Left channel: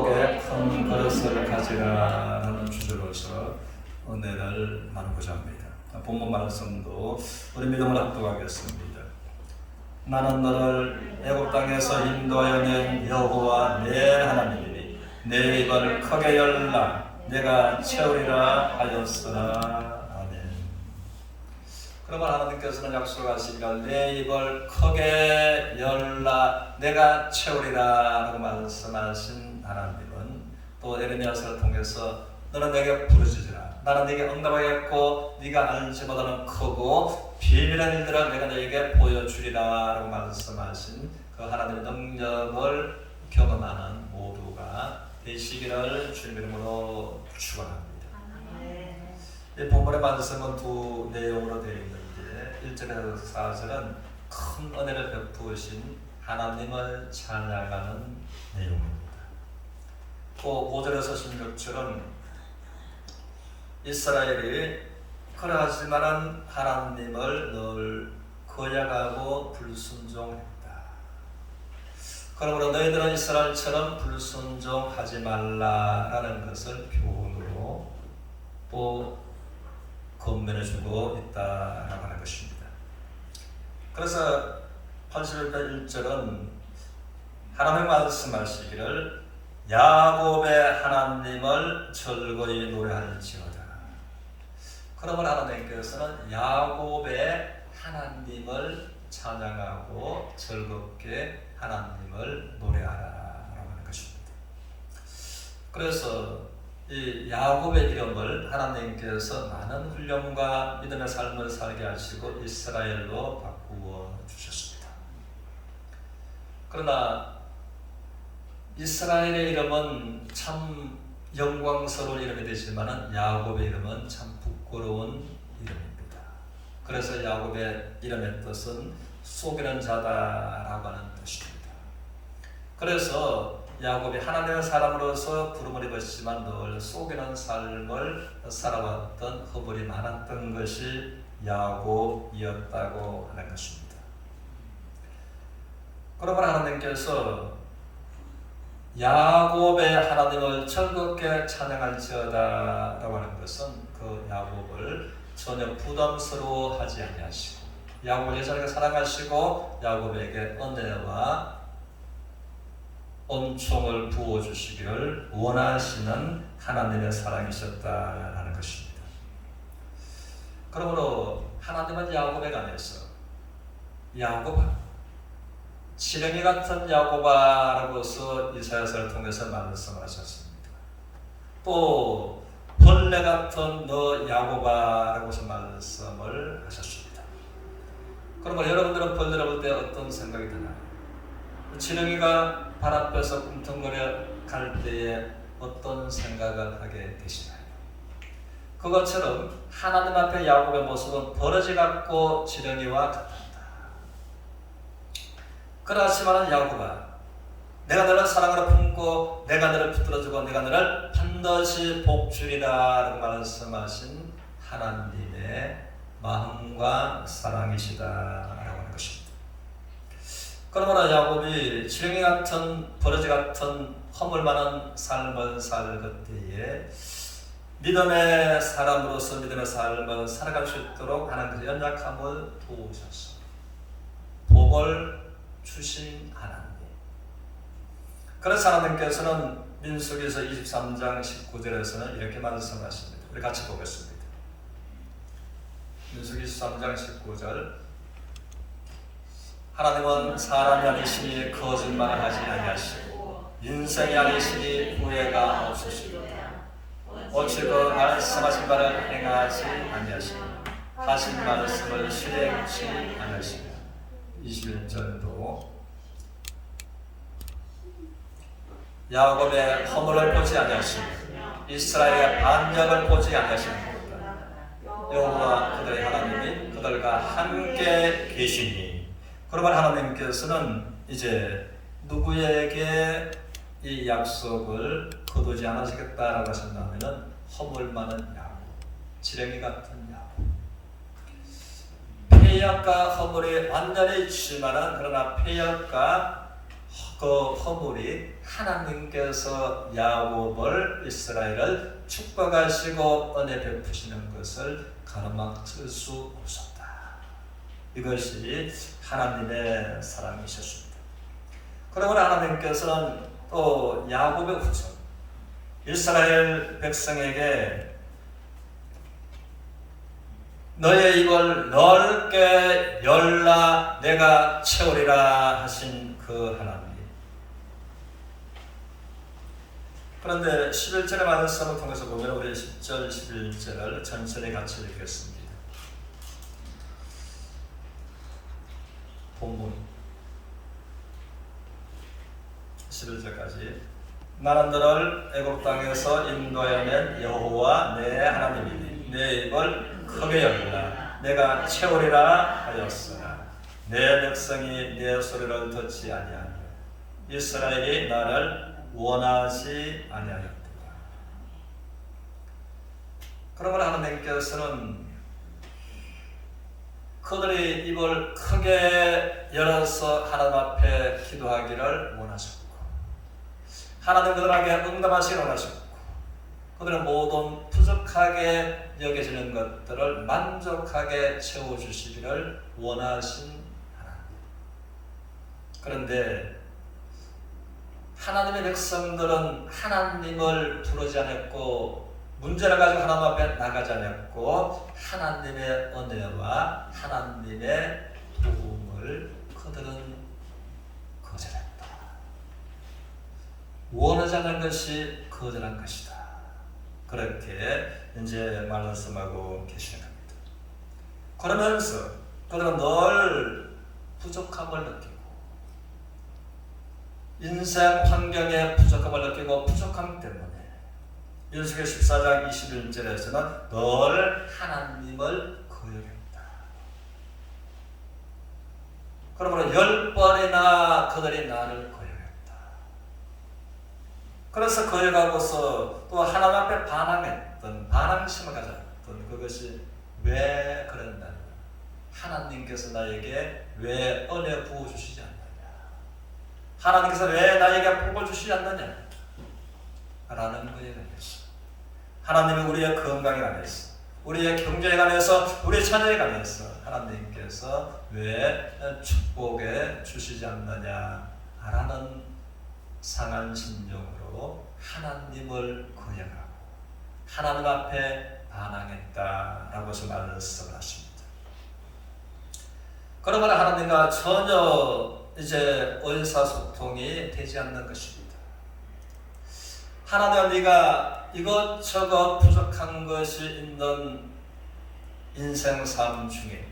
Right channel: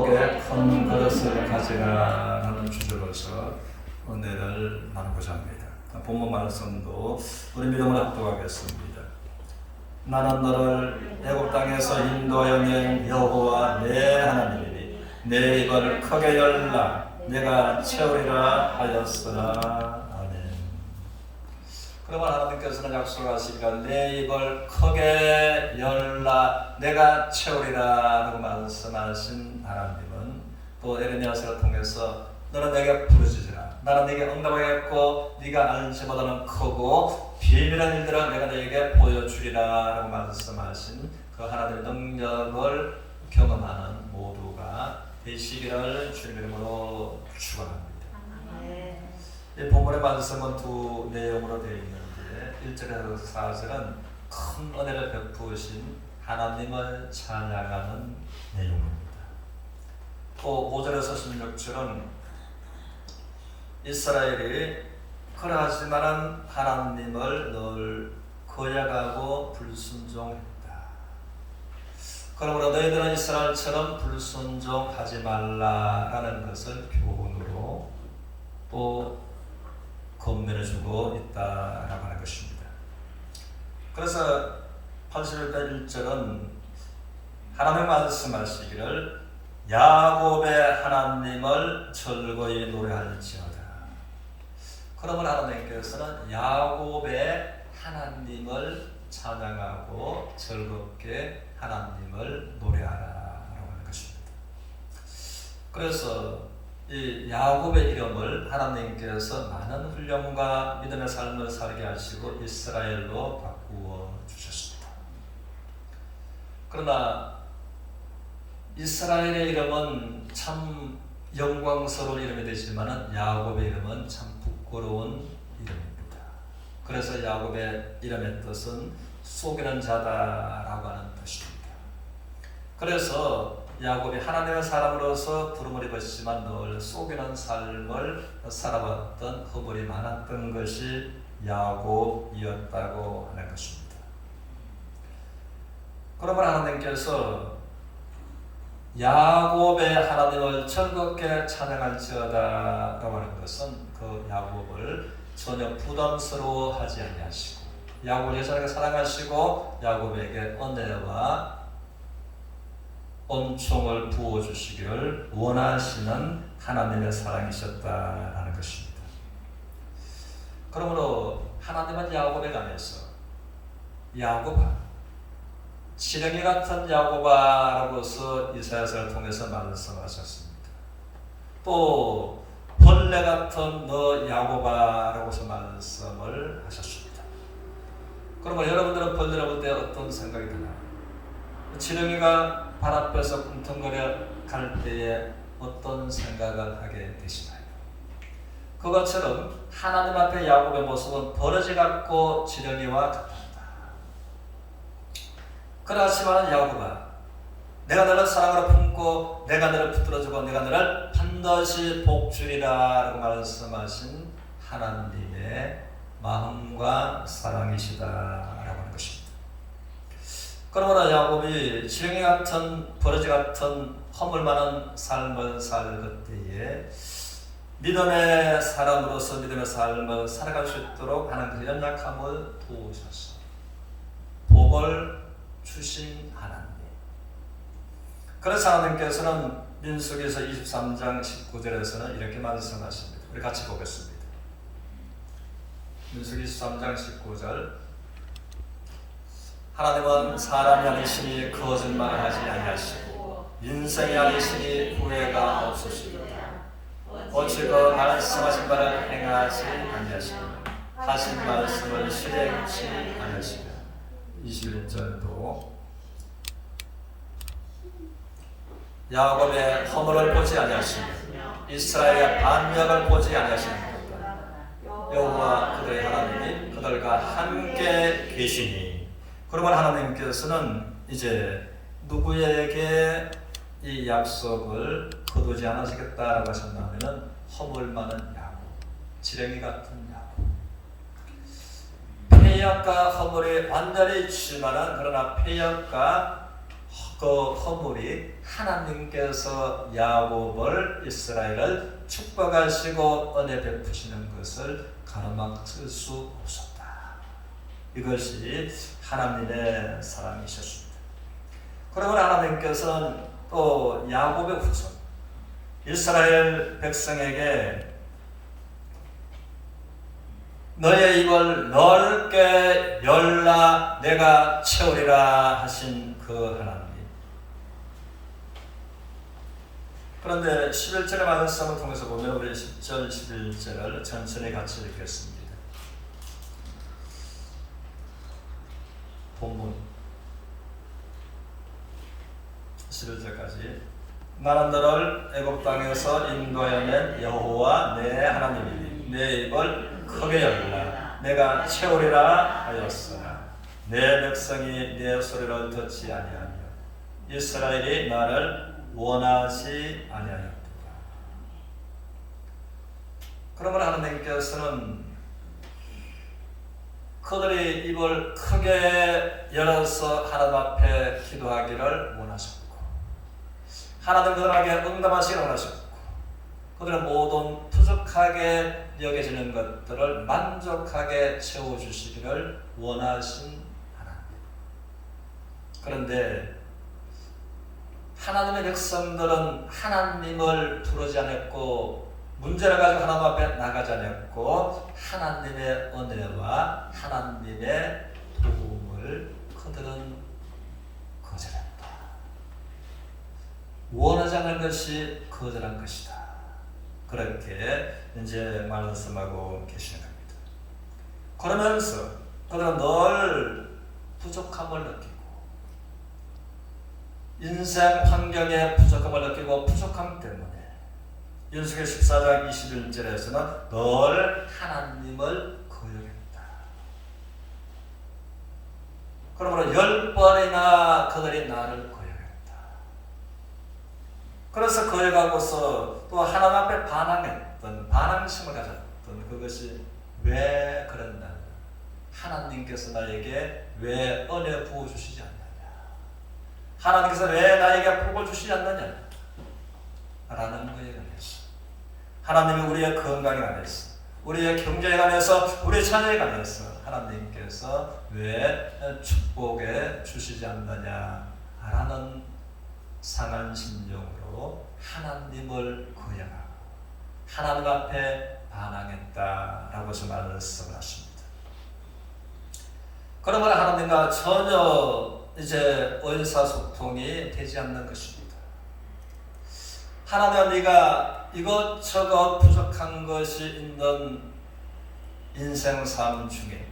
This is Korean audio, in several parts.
축복의 큰 그릇을 가지라는 주제로서 은혜를 나누고자 합니다. 본문 말씀도 우리 믿음을 합독하겠습니다. 나는 너를 애굽 땅에서 인도하여 낸 여호와 내 하나님이니 내 입을 크게 열라 내가 채우리라 하였으나. 아멘. 그러면 하나님께서는 약속하시기를 내 입을 크게 열라 내가 채우리라 하고 말씀하신 하나님은 또 에레미야서를 통해서 너는 내게 부르짖으라 나는 네게 응답하겠고 네가 알지 못하는 크고 비밀한 일들을 내가 너에게 보여주리라 라고 말씀하신 그 하나님의 능력을 경험하는 모두가 되시기를 주님의 이름으로 축원합니다. 이 본문의 말씀은 두 내용으로 되어 있는데 1절에서 4절은 큰 은혜를 베푸신 하나님을 찬양하는 내용입니다. 또 5절에서 16절은 이스라엘이 그러하지만은 하나님을 늘 거역하고 불순종했다. 그러므로 너희들은 이스라엘처럼 불순종하지 말라라는 것을 교훈으로 또 권면해주고 있다라고 하는 것입니다. 그래서 81편 1절은 하나님의 말씀하시기를 야곱의 하나님을 즐거이 노래할지어다. 그러면 하나님께서는 야곱의 하나님을 찬양하고 즐겁게 하나님을 노래하라라고 하는 것입니다. 그래서 이 야곱의 이름을 하나님께서 많은 훈련과 믿음의 삶을 살게 하시고 이스라엘로 바꾸어 주셨습니다. 그러나 이스라엘의 이름은 참 영광스러운 이름이 되지만 야곱의 이름은 참 부끄러운 이름입니다. 그래서 야곱의 이름의 뜻은 속이는 자다라고 하는 뜻입니다. 그래서 야곱이 하나님의 사람으로서 부름을 입었지만 늘 속이는 삶을 살아왔던 허물이 많았던 것이 야곱이었다고 하는 것입니다. 그러면 하나님께서 야곱의 하나님을 즐겁게 찬양할지어다 라고 하는 것은 그 야곱을 전혀 부담스러워하지 아니하시고 야곱을 예전에 사랑하시고 야곱에게 은혜와 은총을 부어주시기를 원하시는 하나님의 사랑이셨다라는 것입니다. 그러므로 하나님은 야곱에 관해서 야곱아 지렁이 같은 야곱아라고서 이사야서를 통해서 말씀하셨습니다. 또 벌레 같은 너 야곱아라고서 말씀을 하셨습니다. 그러면 여러분들은 벌레를 볼 때 어떤 생각이 드나요? 지렁이가 발 앞에서 꿈틀거려 갈 때에 어떤 생각을 하게 되시나요? 그것처럼 하나님 앞에 야곱의 모습은 버러지 같고 지렁이와 같습니다. 그렇지만 야곱아 내가 너를 사랑으로 품고 내가 너를 붙들어주고 내가 너를 반드시 복주리라 라고 말씀하신 하나님의 마음과 사랑이시다라고 하는 것입니다. 그러므로 야곱이 지렁이 같은 버러지 같은 허물 많은 삶을 살 때에 믿음의 사람으로서 믿음의 삶을 살아갈 수 있도록 하는 그 연약함을 도우셔서 복을 주신 하나님. 그래서 하나님께서는 민수기에서 23장 19절에서는 이렇게 말씀하십니다. 우리 같이 보겠습니다. 민수기 23장 19절 하나님은 사람이 아니시니 거짓말하지 아니하시고 인생이 아니시니 후회가 없으시도다. 어찌 그 말씀하신 바를 행하지 아니하시며 하신 말씀을 실행치 아니하시며 21절도 야곱의 허물을 보지 아니하시며 이스라엘의 반역을 보지 아니하시며 여호와 그들의 하나님이 그들과 함께 계시니. 그러면 하나님께서는 이제 누구에게 이 약속을 거두지 않으시겠다라고 하신다면 허물 많은 야곱, 지렁이 같은 야곱, 폐역과 허물이 완전히 지나는 그러나 폐역과 그 허물이 하나님께서 야곱을 이스라엘을 축복하시고 은혜 베푸시는 것을 가로막을 수 없었다. 이것이 하나님의 사랑이셨습니다. 그러면 하나님께서는 또 야곱의 후손 이스라엘 백성에게 너의 입을 넓게 열라 내가 채우리라 하신 그 하나님. 그런데 11절의 말씀을 통해서 보면 우리 10절, 11절을 전체를 같이 읽겠습니다. 본문 11절까지 나는 너를 애굽 땅에서 인도하여 여호와 내 하나님이니 내 입을 크게 열라 내가 채우리라 하였으나 내 백성이 내 소리를 듣지 아니하며 이스라엘이 나를 원하지 아니하였도다. 그러므로 하나님께서는 그들이 입을 크게 열어서 하나님 앞에 기도하기를 원하셨고 하나님 그들에게 응답하시기를 원하셨고 그들은 모든 부족하게 여겨지는 것들을 만족하게 채워주시기를 원하신 하나님. 그런데 하나님의 백성들은 하나님을 부르지 않았고 문제를 가지고 하나님 앞에 나가지 않았고 하나님의 은혜와 하나님의 도움을 그들은 거절했다. 원하지 않는 것이 거절한 것이다. 그렇게 이제 말씀하고 계시는 겁니다. 그러면서 그들은 늘 부족함을 느끼고 인생 환경에 부족함을 느끼고 부족함 때문에 율법기 14장 21절에서는 늘 하나님을 거역했다. 그러므로 10번이나 그들이 나를 거역했다. 그래서 거역하고서 또 하나님 앞에 반항했던 반항심을 가졌던 그것이 왜 그랬나? 하나님께서 나에게 왜 은혜 부어주시지 않느냐? 하나님께서 왜 나에게 복을 주시지 않느냐? 라는 거에 관해서 하나님은 우리의 건강에 관해서 우리의 경제에 관해서 우리의 자녀에 관해서 하나님께서 왜 축복해 주시지 않느냐 라는 상한 심정으로 하나님을 거역하고 하나님 앞에 반항했다라고 말씀을 하십니다. 그러면 하나님과 전혀 이제 의사소통이 되지 않는 것입니다. 하나님은 네가 이것저것 부족한 것이 있는 인생 삶 중에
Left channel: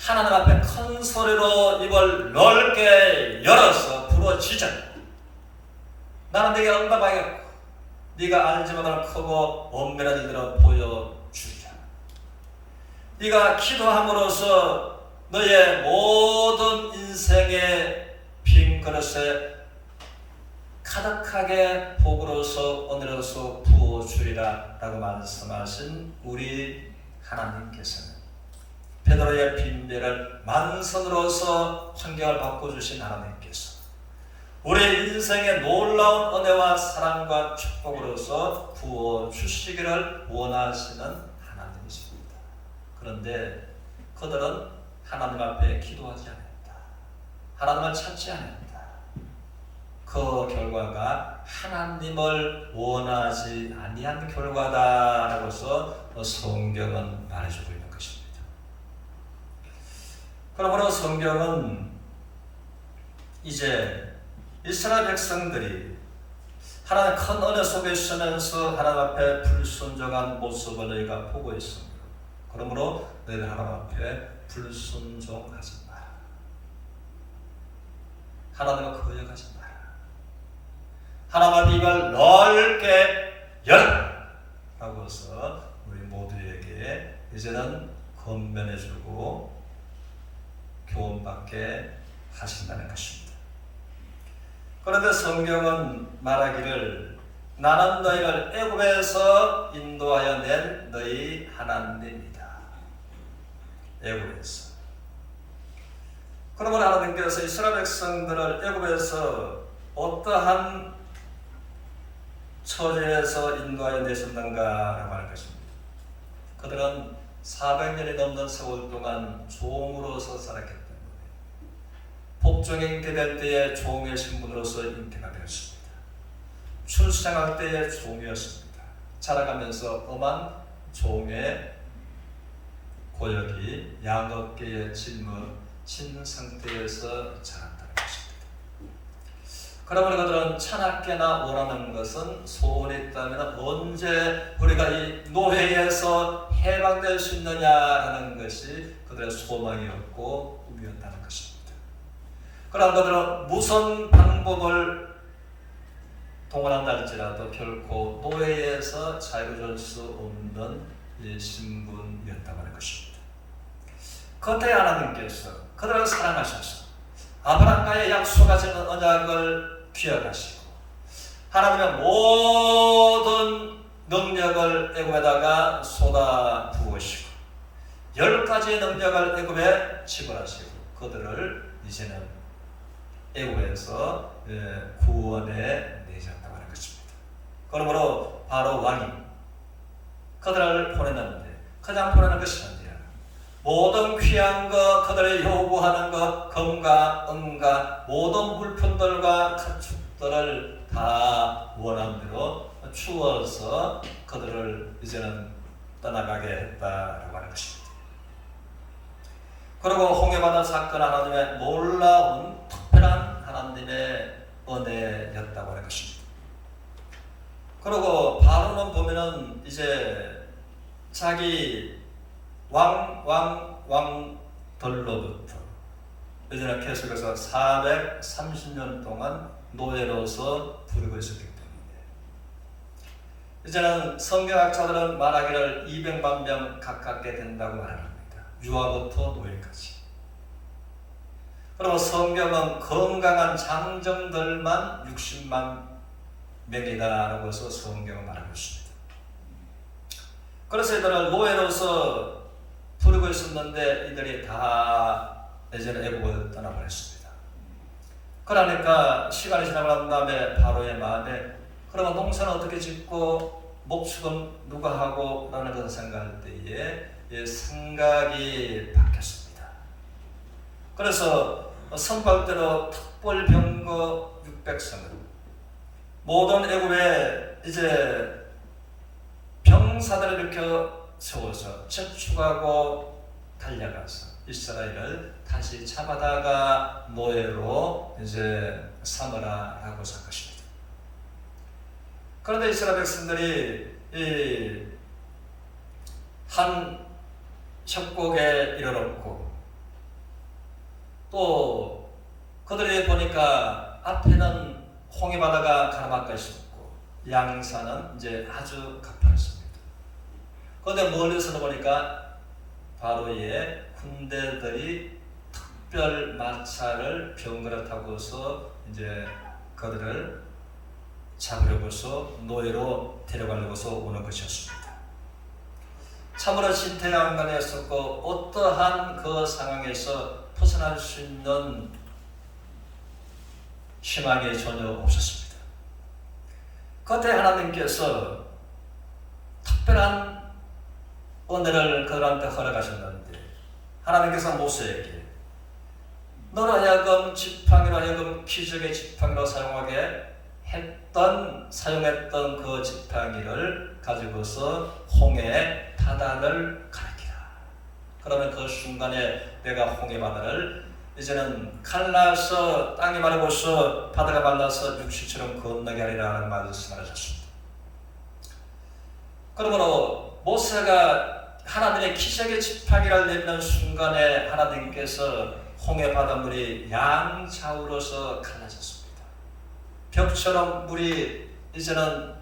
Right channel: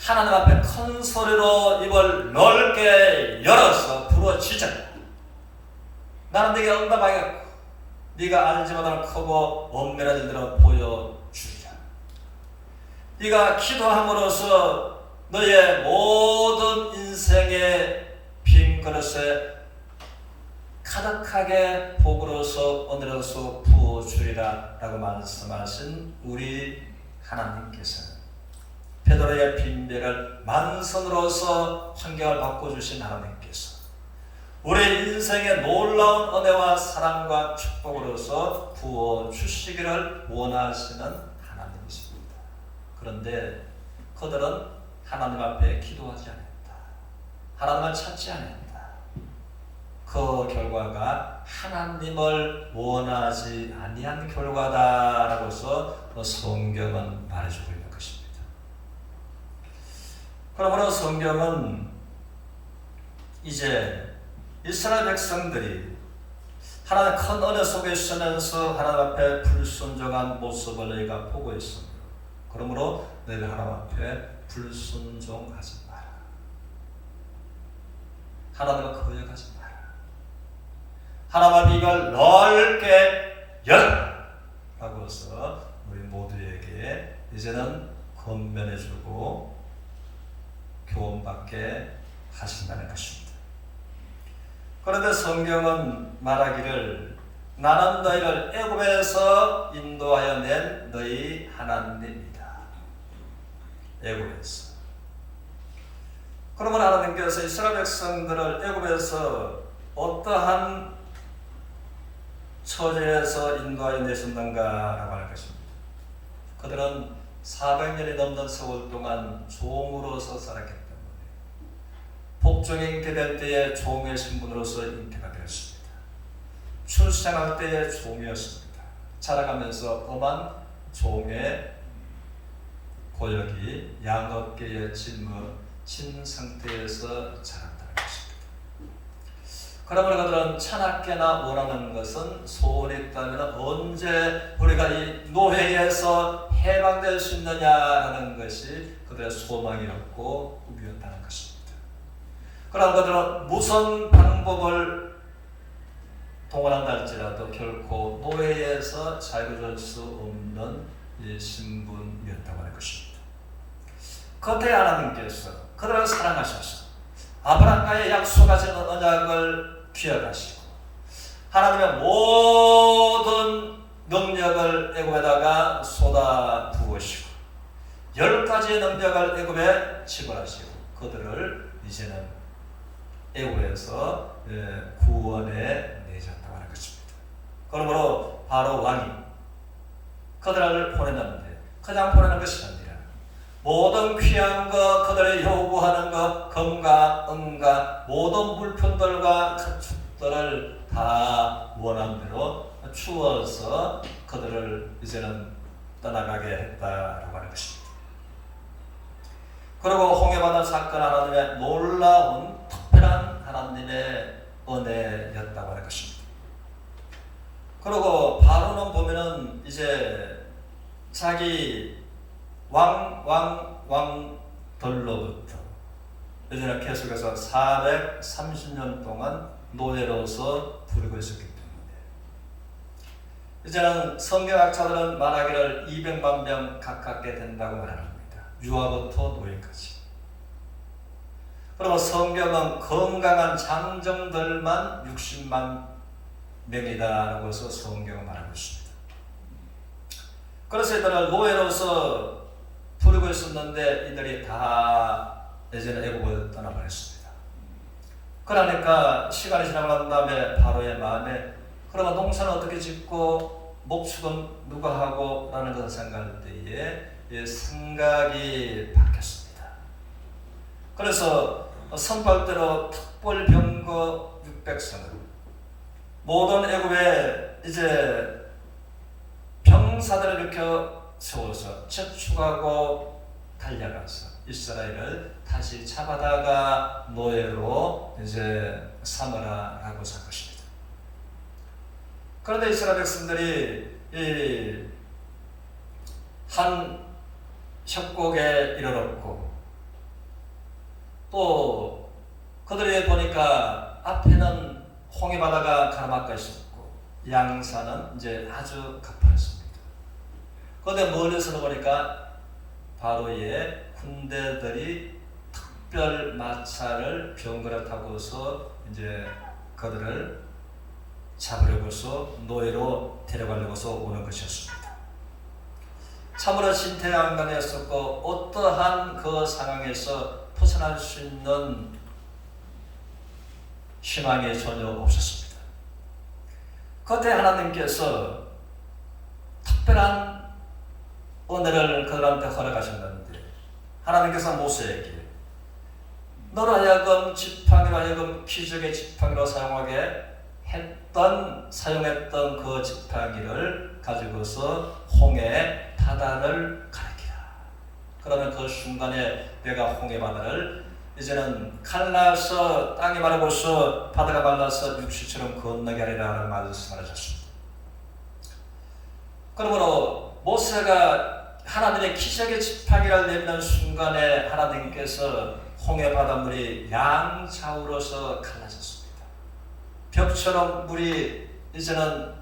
하나님 앞에 큰 소리로 입을 넓게 열어서 부르짖어. 나는 네게 응답하겠고 네가 알지 못하는 크고 엄밀한 일들을 보여주리라. 네가 기도함으로써 너의 모든 인생의 빈 그릇에 가득하게 복으로서 은혜로서 부어주리라 라고 말씀하신 우리 하나님께서는 베드로의 빈배를 만선으로서 환경을 바꿔주신 하나님께서 우리 인생의 놀라운 은혜와 사랑과 축복으로서 부어주시기를 원하시는 하나님이십니다. 그런데 그들은 하나님 앞에 기도하지 않았다. 하나님을 찾지 않았다. 그 결과가 하나님을 원하지 아니한 결과다라고서 성경은 말해주고 있는 것입니다. 그러므로 성경은 이제 이스라엘 백성들이 하나님의 큰 은혜 속에 있으면서 하나님 앞에 불순종한 모습을 너희가 보고 있습니다. 그러므로 너희가 하나님 앞에 불순종하지 마라. 하나님을 거역하지 마라. 하나님의 입을 넓게 열라 라고서 우리 모두에게 이제는 권면해주고 교훈받게 하신다는 것입니다. 그런데 성경은 말하기를 나는 너희를 애굽에서 인도하여 낸 너희 하나님이다. 애굽에서. 그러므로 하나님께서 이스라엘 백성들을 애굽에서 어떠한 처지에서 인도하여 내셨는가라고 하는 것입니다. 그들은 400년이 넘는 세월 동안 종으로서 살았기 때문에 복종이 잉태될 때에 종의 신분으로서 잉태가 되었습니다. 출생할 때에 종이었습니다. 자라가면서 엄한 종의 고역이 양업계의 진 상태에서 자랐다는 것입니다. 그러므로 그들은 차갑게나 원하는 것은 소원이 있다면 언제 우리가 이 노예에서 해방될 수 있느냐라는 것이 그들의 소망이었고 꿈이었다는 것입니다. 그러나 그들은 무슨 방법을 동원한다 할지라도 결코 노예에서 자유로울 수 없는 신분이었다고 하는 것입니다. 그때 하나님께서 그들을 사랑하셔서 아브라함과의 약속하신 언약을 기억하시고 하나님의 모든 능력을 애굽에다가 쏟아 부으시고 10가지의 능력을 애굽에 지불하시고 그들을 이제는 애굽에서 구원해 내셨다고 하는 것입니다. 그러므로 바로 왕이 그들을 보내는데 그냥 보내는 것이 아니라 모든 귀한 것, 그들의 요구하는 것, 금과 은과 모든 물품들과 가축들을 다 원함대로 주어서 그들을 이제는 떠나가게 했다라고 하는 것입니다. 그리고 홍해바다 사건 하나님의 놀라운 특별한 하나님의 은혜였다고 하는 것입니다. 그리고 바로는 보면은 이제 자기 왕들로부터 이제는 계속해서 430년 동안 노예로서 부르고 있었기 때문에 이제는 성경학자들은 말하기를 200만 명 가깝게 된다고 말합니다. 유아부터 노예까지. 그리고 성경은 건강한 장정들만 60만 명이다라고 해서 성경을 말하고 있습니다. 그래서 이들은 노예로서 부르고 있었는데 이들이 다 예전에 애굽을 떠나버렸습니다. 그러니까 시간이 지나간 다음에 바로의 마음에 그러면 농사는 어떻게 짓고 목축은 누가 하고 라는 것을 생각할 때에 생각이 바뀌었습니다. 그래서 선발대로 특벌병거 600성을 모든 애굽에 이제 병사들을 일으켜 세워서 재촉하고 달려가서 이스라엘을 다시 잡아다가 노예로 이제 삼으라라고 한 것입니다. 그런데 이스라엘 백성들이 이 한 협곡에 이르렀고 또 그들이 보니까 앞에는 홍해바다가 가나마가 있었고 양산은 이제 아주 가파랐습니다. 그런데 멀리서 보니까 바로의 군대들이 특별 마차를 병거를 타고서 이제 그들을 잡으려고서 노예로 데려가려고서 오는 것이었습니다. 참으로 진퇴양난이었었고 어떠한 그 상황에서 벗어날 수 있는 희망이 전혀 없었습니다. 그때 하나님께서 특별한 은혜를 그들한테 허락하셨는데 하나님께서 모세에게 너로 하여금 지팡이로 하여금 기적의 지팡이로 사용했던 그 지팡이를 가지고서 홍해 바다를 가리키라. 그러면 그 순간에 내가 홍해 바다를 이제는 갈라서 땅이 마르고서 바다가 말라서 육시처럼 건너게 하리라는 말씀을 하셨습니다. 그러므로 모세가 하나님의 기적의 지팡이를 내미는 순간에 하나님께서 홍해 바닷물이 양좌우로서 갈라졌습니다. 벽처럼 물이 이제는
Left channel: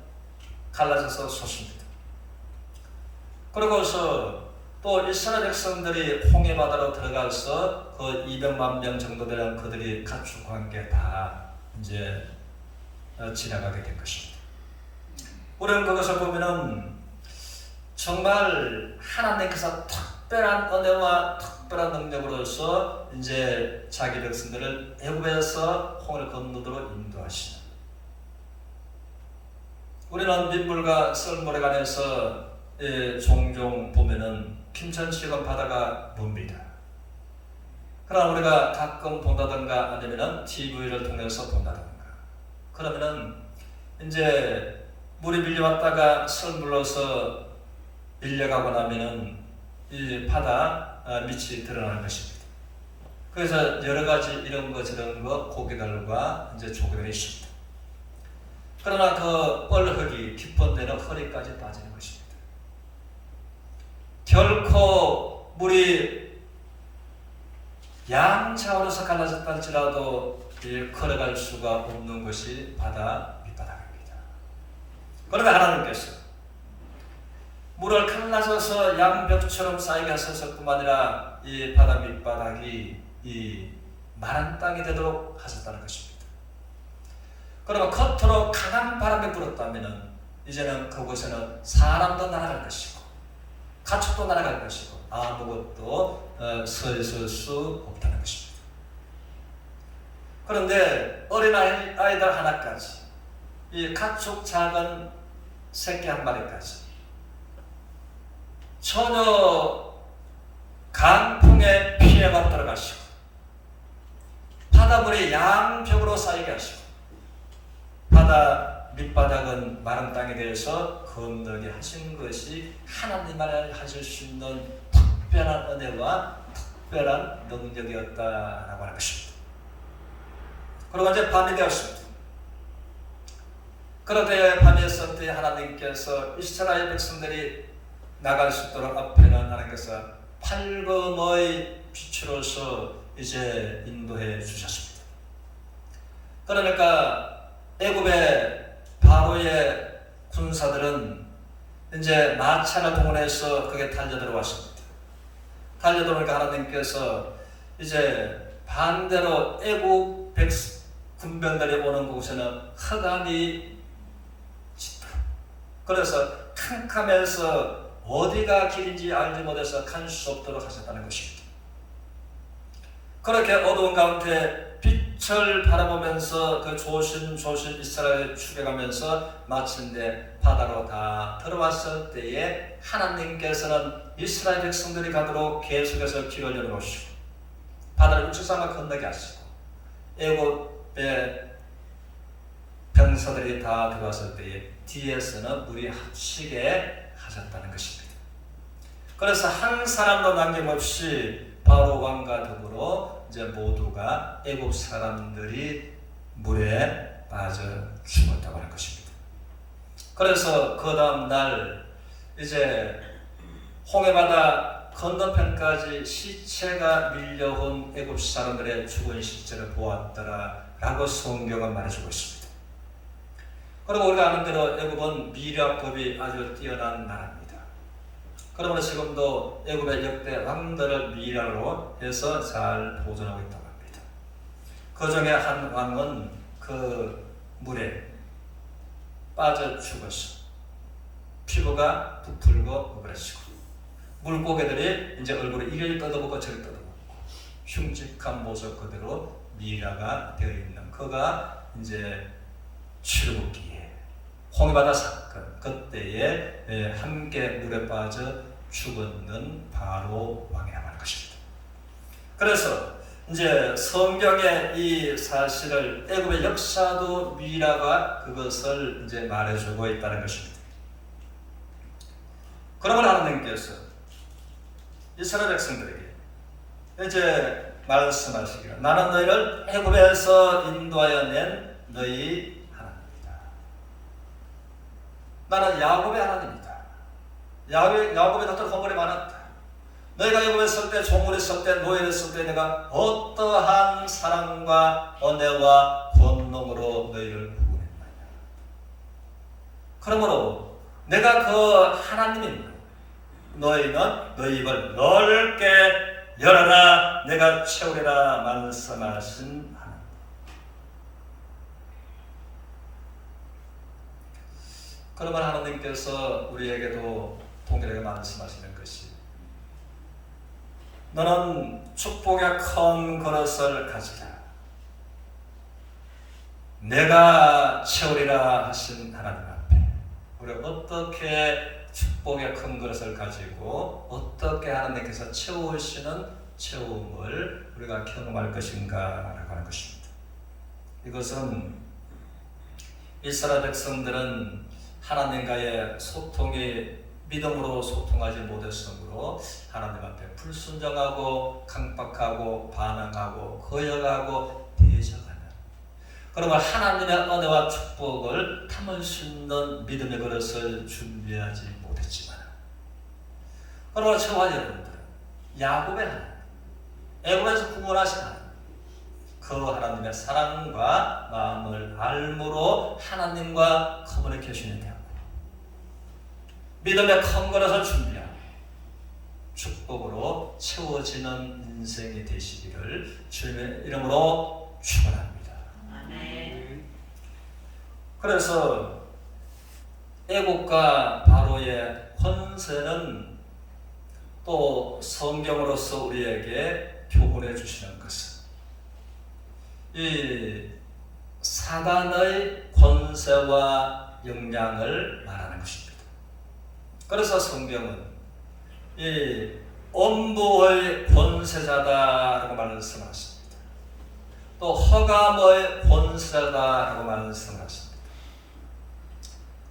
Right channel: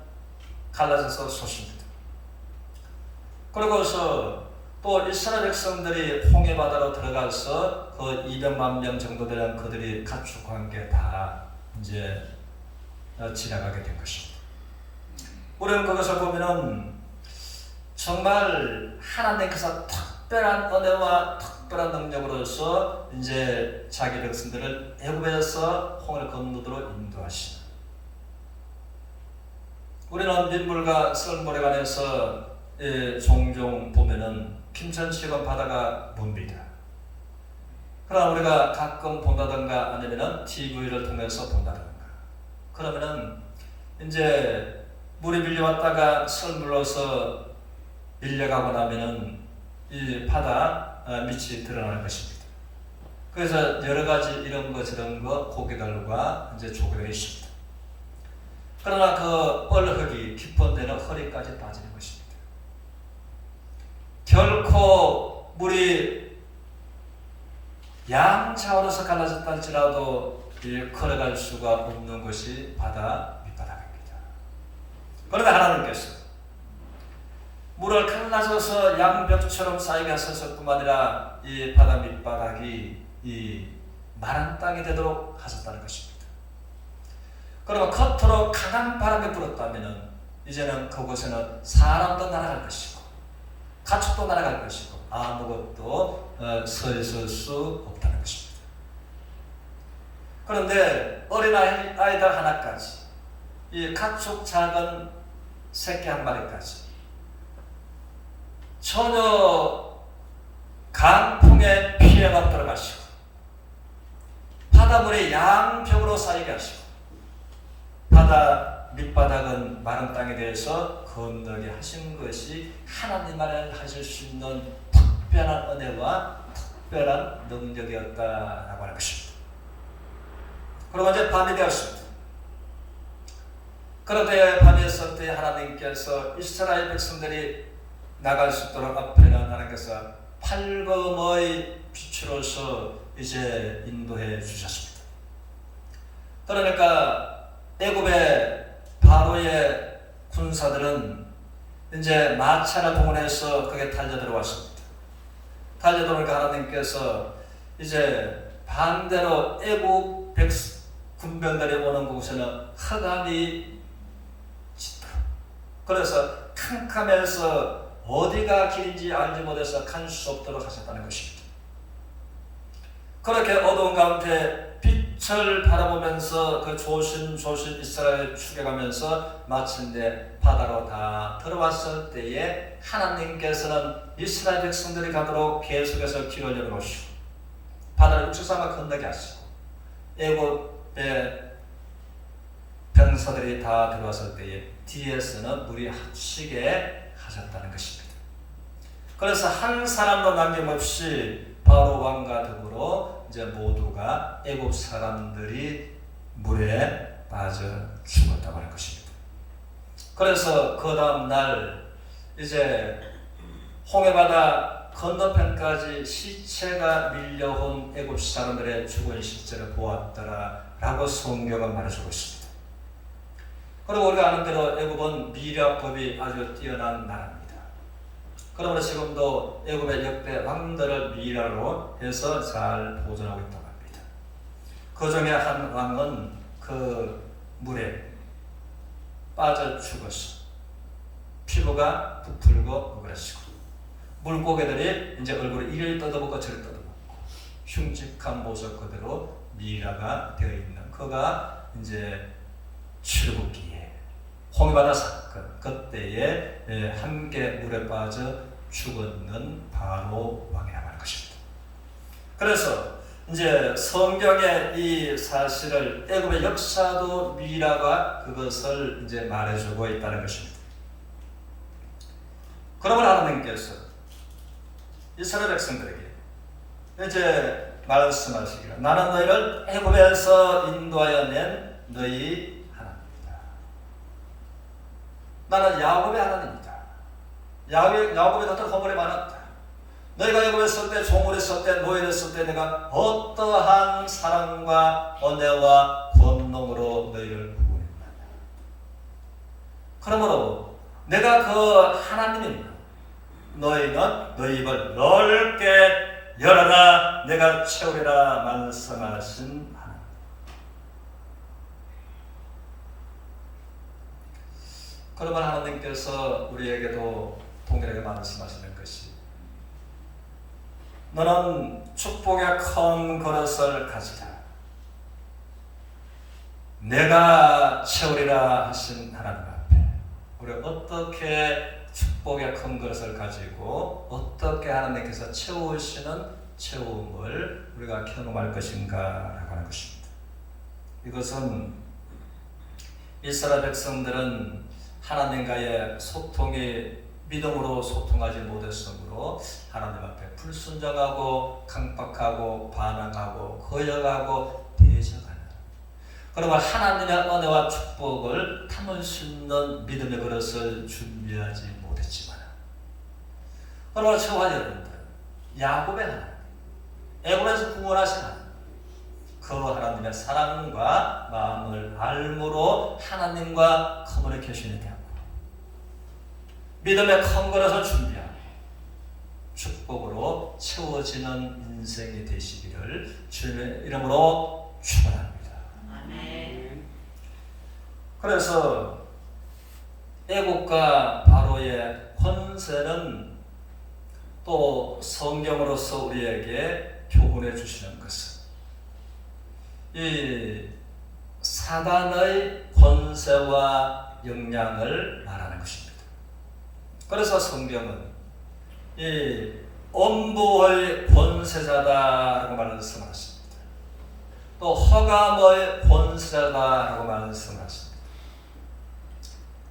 갈라져서 솟습니다. 그러고서 또 이스라엘 백성들이 홍해 바다로 들어가서 그 200만 명 정도 되는 그들이 가축과 함께 다 이제 지나가게 된 것입니다. 우리는 그것을 보면은 정말 하나님께서 특별한 은혜와 특별한 능력으로서 이제 자기 백성들을 애굽에서 홍해를 건너도록 인도하시는. 우리는 민물과 썰물에 관해서 종종 보면은 핀천치건 바다가 뭡니다. 그러나 우리가 가끔 본다든가 아니면은 TV를 통해서 본다든가 그러면은 이제 물이 밀려왔다가 썰물로서 밀려가고 나면은 이 바다 밑이 드러나는 것입니다. 그래서 여러 가지 이런 거 저런 거 고개들과 이제 조개들이 있습니다. 그러나 그 뻘흙이 깊은 데는 허리까지 빠지는 것입니다. 결코 물이 양차로서 갈라졌다 할지라도 걸어갈 수가 없는 것이 바다 밑바닥입니다. 그러나 하나님께서 물을 갈라져서 양벽처럼 쌓이게 하소서뿐만 아니라 이 바다 밑바닥이 이 마른 땅이 되도록 하셨다는 것입니다. 그러면 겉으로 강한 바람이 불었다면 이제는 그곳에는 사람도 날아갈 것이고 가축도 날아갈 것이고 아무것도 서 있을 수 없다는 것입니다. 그런데 어린아이들 하나까지 이 가축 작은 새끼 한 마리까지 전혀 강풍에 피해가 없도록 하시고 바닷물이 양벽으로 쌓이게 하시고 바다 밑바닥은 마른 땅에 대해서 건너게 하신 것이 하나님만이 하실 수 있는 특별한 은혜와 특별한 능력이었다라고 하는 것입니다. 그리고 이제 밤이 되었습니다. 그렇게 밤이 됐을 때 하나님께서 이스라엘 백성들이 나갈 수 있도록 앞에는 하나님께서 밝음의 빛으로서 이제 인도해 주셨습니다. 그러니까 애굽의 바로의 군사들은 이제 마차를 동원해서 거기에 달려들어왔습니다. 달려들어오니까 하나님께서 이제 반대로 애굽 군병들이 오는 곳에는 흑암이 짙다. 그래서 캄캄해서 어디가 길인지 알지 못해서 갈 수 없도록 하셨다는 것입니다. 그렇게 어두운 가운데 빛을 바라보면서 그 조심조심 이스라엘을 추격하면서 마침내 바다로 다 들어왔을 때에 하나님께서는 이스라엘 백성들이 가도록 계속해서 길을 열어놓으시고 바다를 육지상을 건너게 하시고 애굽의 병사들이 다 들어왔을 때에 뒤에서는 물이 합치게 하셨다는 것입니다. 그래서 한 사람도 남김없이 바로 왕과 더불어 이제 모두가 애굽 사람들이 물에 빠져 죽었다고 하는 것입니다. 그래서 그 다음 날 이제 홍해바다 건너편까지 시체가 밀려온 애굽 사람들의 죽은 시체를 보았더라라고 성경은 말해주고 있습니다. 그리고 우리가 아는 대로 애굽은 미려법이 아주 뛰어난 나라입니다. 그러므로 지금도 애굽의 역대 왕들을 미라로 해서 잘 보존하고 있다고 합니다. 그 중에 한 왕은 그 물에 빠져 죽었어. 피부가 부풀고 오그라지고 물고기들이 이제 얼굴을 이를 뜯어먹고 저를 뜯어먹고 흉측한 모습 그대로 미라가 되어 있는 그가 이제 출애굽기에 홍해바다 사건 그때에 함께 물에 빠져 죽었는 바로 왕이라고 할 것입니다. 그래서 이제 성경의 이 사실을 애굽의 역사도 미라가 그것을 이제 말해주고 있다는 것입니다. 그러면 하나님께서 이스라엘 백성들에게 이제 말씀하시기를 나는 너희를 애굽에서 인도하여 낸 너희 하나님이다. 나는 야곱의 하나님이다. 야곱의 덕들 허물이 많았다. 너희가 애굽에 있을 때, 종으로 있을 때, 노예로 있을 때 내가 어떠한 사랑과 은혜와 권능으로 너희를 구원했나. 그러므로 내가 그 하나님입니다. 너희는 너희 입을 넓게 열어라 내가 채우리라 말씀하신 하나님. 그러면 하나님께서 우리에게도 동일하게 말씀하시는 것이 너는 축복의 큰 그릇을 가지라. 내가 채우리라 하신 하나님 앞에 우리가 어떻게 축복의 큰 그릇을 가지고 어떻게 하나님께서 채우시는 채움을 우리가 경험할 것인가 하는 것입니다. 이것은 이스라엘 백성들은 하나님과의 소통이 믿음으로 소통하지 못했으므로 하나님 앞에 불순종하고 강박하고 반항하고 거역하고 대적하는, 그러면 하나님의 은혜와 축복을 담을 수 있는 믿음의 그릇을 준비하지 못했지만, 그러나 저와 여러분들 야곱의 하나님, 애굽에서 구원하신 하나님, 그 하나님의 사랑과 마음을 알므로 하나님과 커뮤니케이션이 되고 믿음의 큰 그릇을 준비하고 축복으로 채워지는 인생이 되시기를 주님의 이름으로 축원합니다. 그래서 애국과 바로의 권세는 또 성경으로서 우리에게 교훈해 주시는 것은 이 사단의 권세와 영향을 말하는 것입니다. 그래서 성경은 이 엄부의 권세자다라고 말씀하십니다. 또 허감의 권세자다라고 말씀하십니다.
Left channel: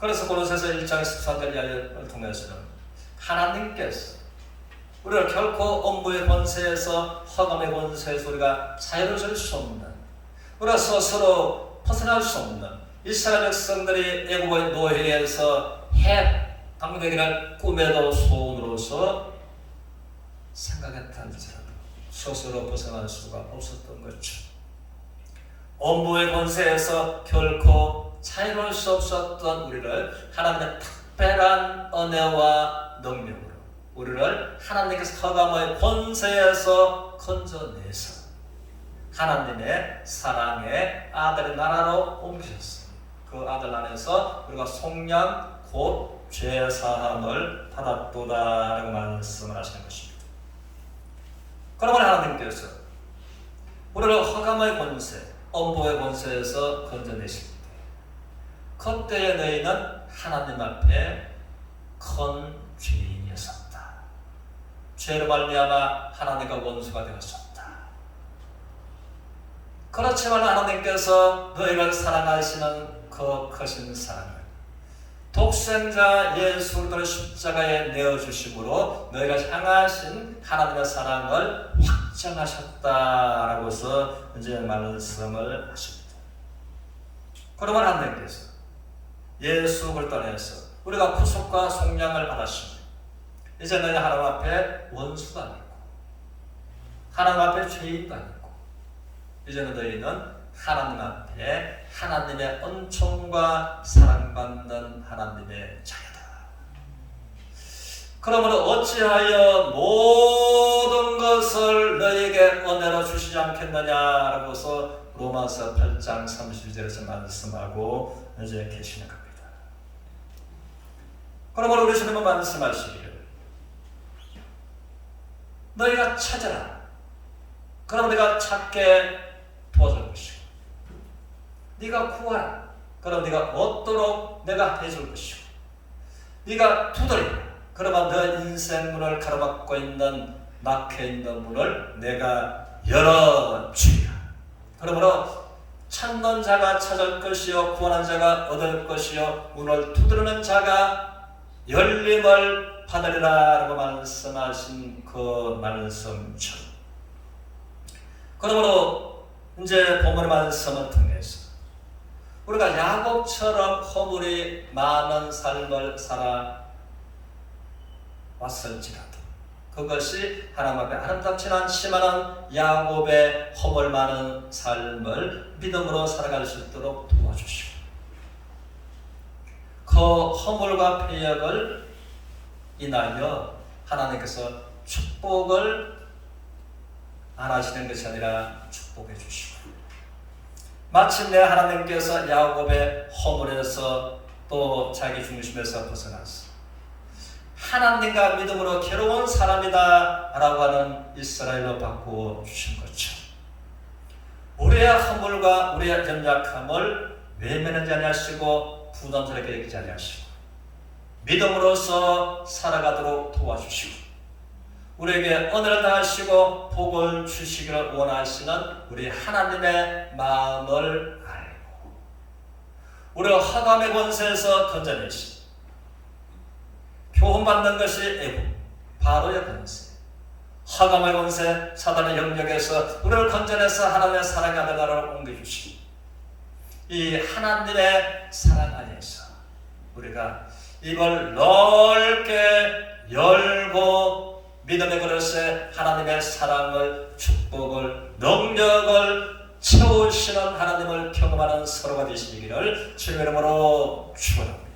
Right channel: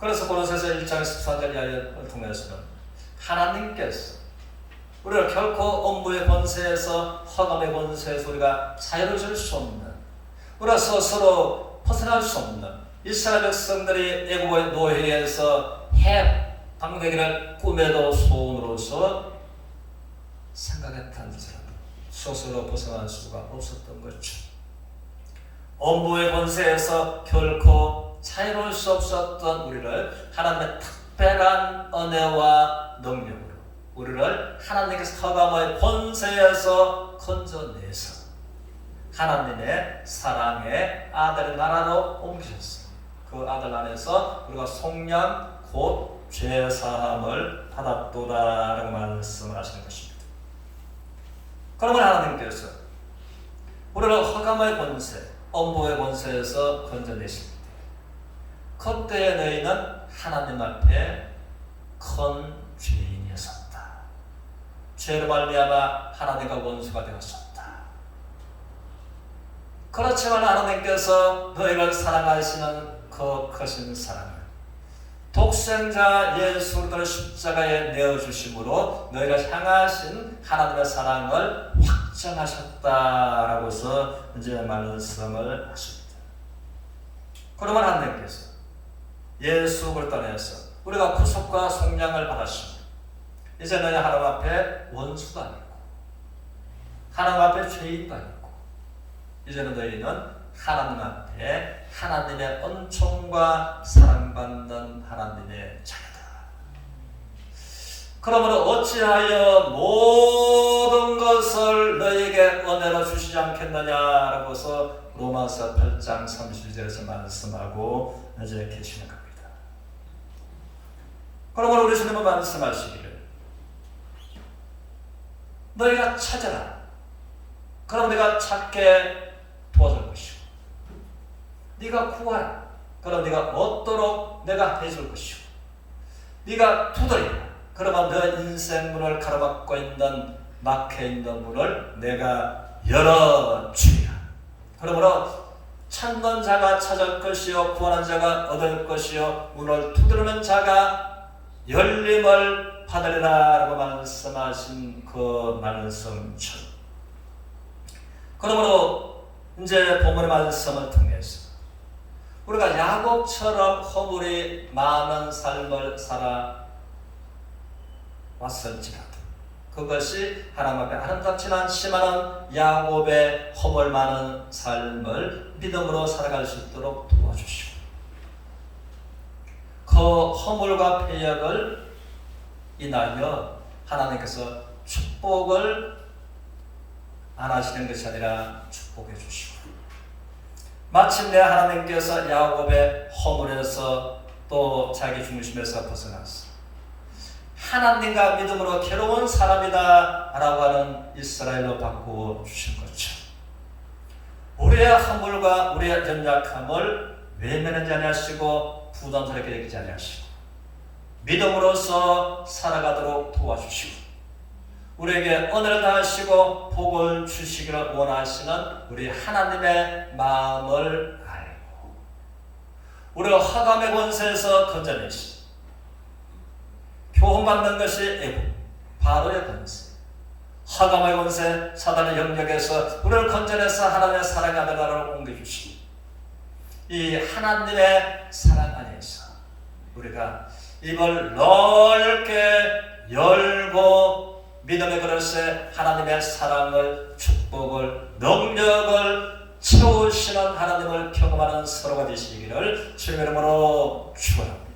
그래서 고린도서 1장 14절 이하를 통해서는 하나님께서 우리가 결코 엄부의 권세에서 허감의 권세에서 우리가 자유로워질 수 없는, 우리가 스스로 벗어날 수 없는 이스라엘 백성들이 애국의 노예에서 방백이를 꿈에도 소원으로서 생각했다 할지라도 스스로 벗어날 수가 없었던 거죠. 엄부의 권세에서 결코 자유로울 수 없었던 우리를 하나님의 특별한 은혜와 능력으로 우리를 하나님께서 허감의 권세에서 건져내서 하나님의 사랑의 아들의 나라로 옮기셨습니다. 그 아들 안에서 우리가 속량 곧 죄사함을 받았도다라고 말씀하시는 것입니다. 그러면 하나님께서 우리를 허감의 권세, 엄보의 권세에서 건져내십니다. 그때 너희는 하나님 앞에 큰 죄인이었었다. 죄로 말미암아 하나님과 원수가 되었었다. 그렇지만 하나님께서 너희를 사랑하시는 그 크신 사랑을 독생자 예수 그리스도를 십자가에 내어주심으로 너희가 향하신 하나님의 사랑을 확정하셨다라고서 이제 말씀을 하십니다. 그러면 하나님께서 예수 그리스도 안에서 우리가 구속과 속량을 받았습니다. 이제 너희 하나님 앞에 원수가 아니고 하나님 앞에 죄인도 아니고 이제는 너희는 하나님 앞에 하나님의 은총과 사랑받는 하나님의 자녀다. 그러므로 어찌하여 모든 것을 너희에게 은혜로 주시지 않겠느냐라고서 로마서 8장 32절에서 말씀하고 이제 계시는 겁니다. 그러므로 우리 주님은 말씀하시기를 너희가 찾아라. 그럼 내가 찾게 도와줄 것이고 네가 구하라. 그럼 네가 얻도록 내가 해줄 것이고 네가 두드리라. 그러면 너 인생 문을 가로막고 있는 막혀있는 문을 내가 열어주리라. 그러므로 찾는 자가 찾을 것이요 구하는 자가 얻을 것이요 문을 두드리는 자가 열림을 받으리라 라고 말씀하신 그 말씀처럼, 그러므로 이제 본문의 말씀을 통해서 우리가 야곱처럼 허물이 많은 삶을 살아왔을지라도 그것이 하나님 앞에 아름답지 않지만 야곱의 허물 많은 삶을 믿음으로 살아갈 수 있도록 도와주시고 그 허물과 패역을 인하여 하나님께서 축복을 안 하시는 것이 아니라 축복해 주시고 마침내 하나님께서 야곱의 허물에서 또 자기 중심에서 벗어났어 하나님과 믿음으로 괴로운 사람이다 라고 하는 이스라엘로 바꾸어 주신 거죠. 우리의 허물과 우리의 연약함을 외면하지 아니하시고 부담스럽게 여기지 아니하시고 믿음으로써 살아가도록 도와주시고 우리에게 은혜를 당하시고 복을 주시기를 원하시는 우리 하나님의 마음을 알고 우리가 흑암의 권세에서 건져내시고 교훈받는 것이 애국, 바로의 권세, 흑암의 권세, 사단의 영역에서 우리를 건져내서 하나님의 사랑의 아들 나라로 옮겨주시고 이 하나님의 사랑 안에서 우리가 입을 넓게 열고 믿음의 그릇에 하나님의 사랑을, 축복을, 능력을 채우시는 하나님을 경험하는 서로가 되시기를 주님의 이름으로 축원합니다.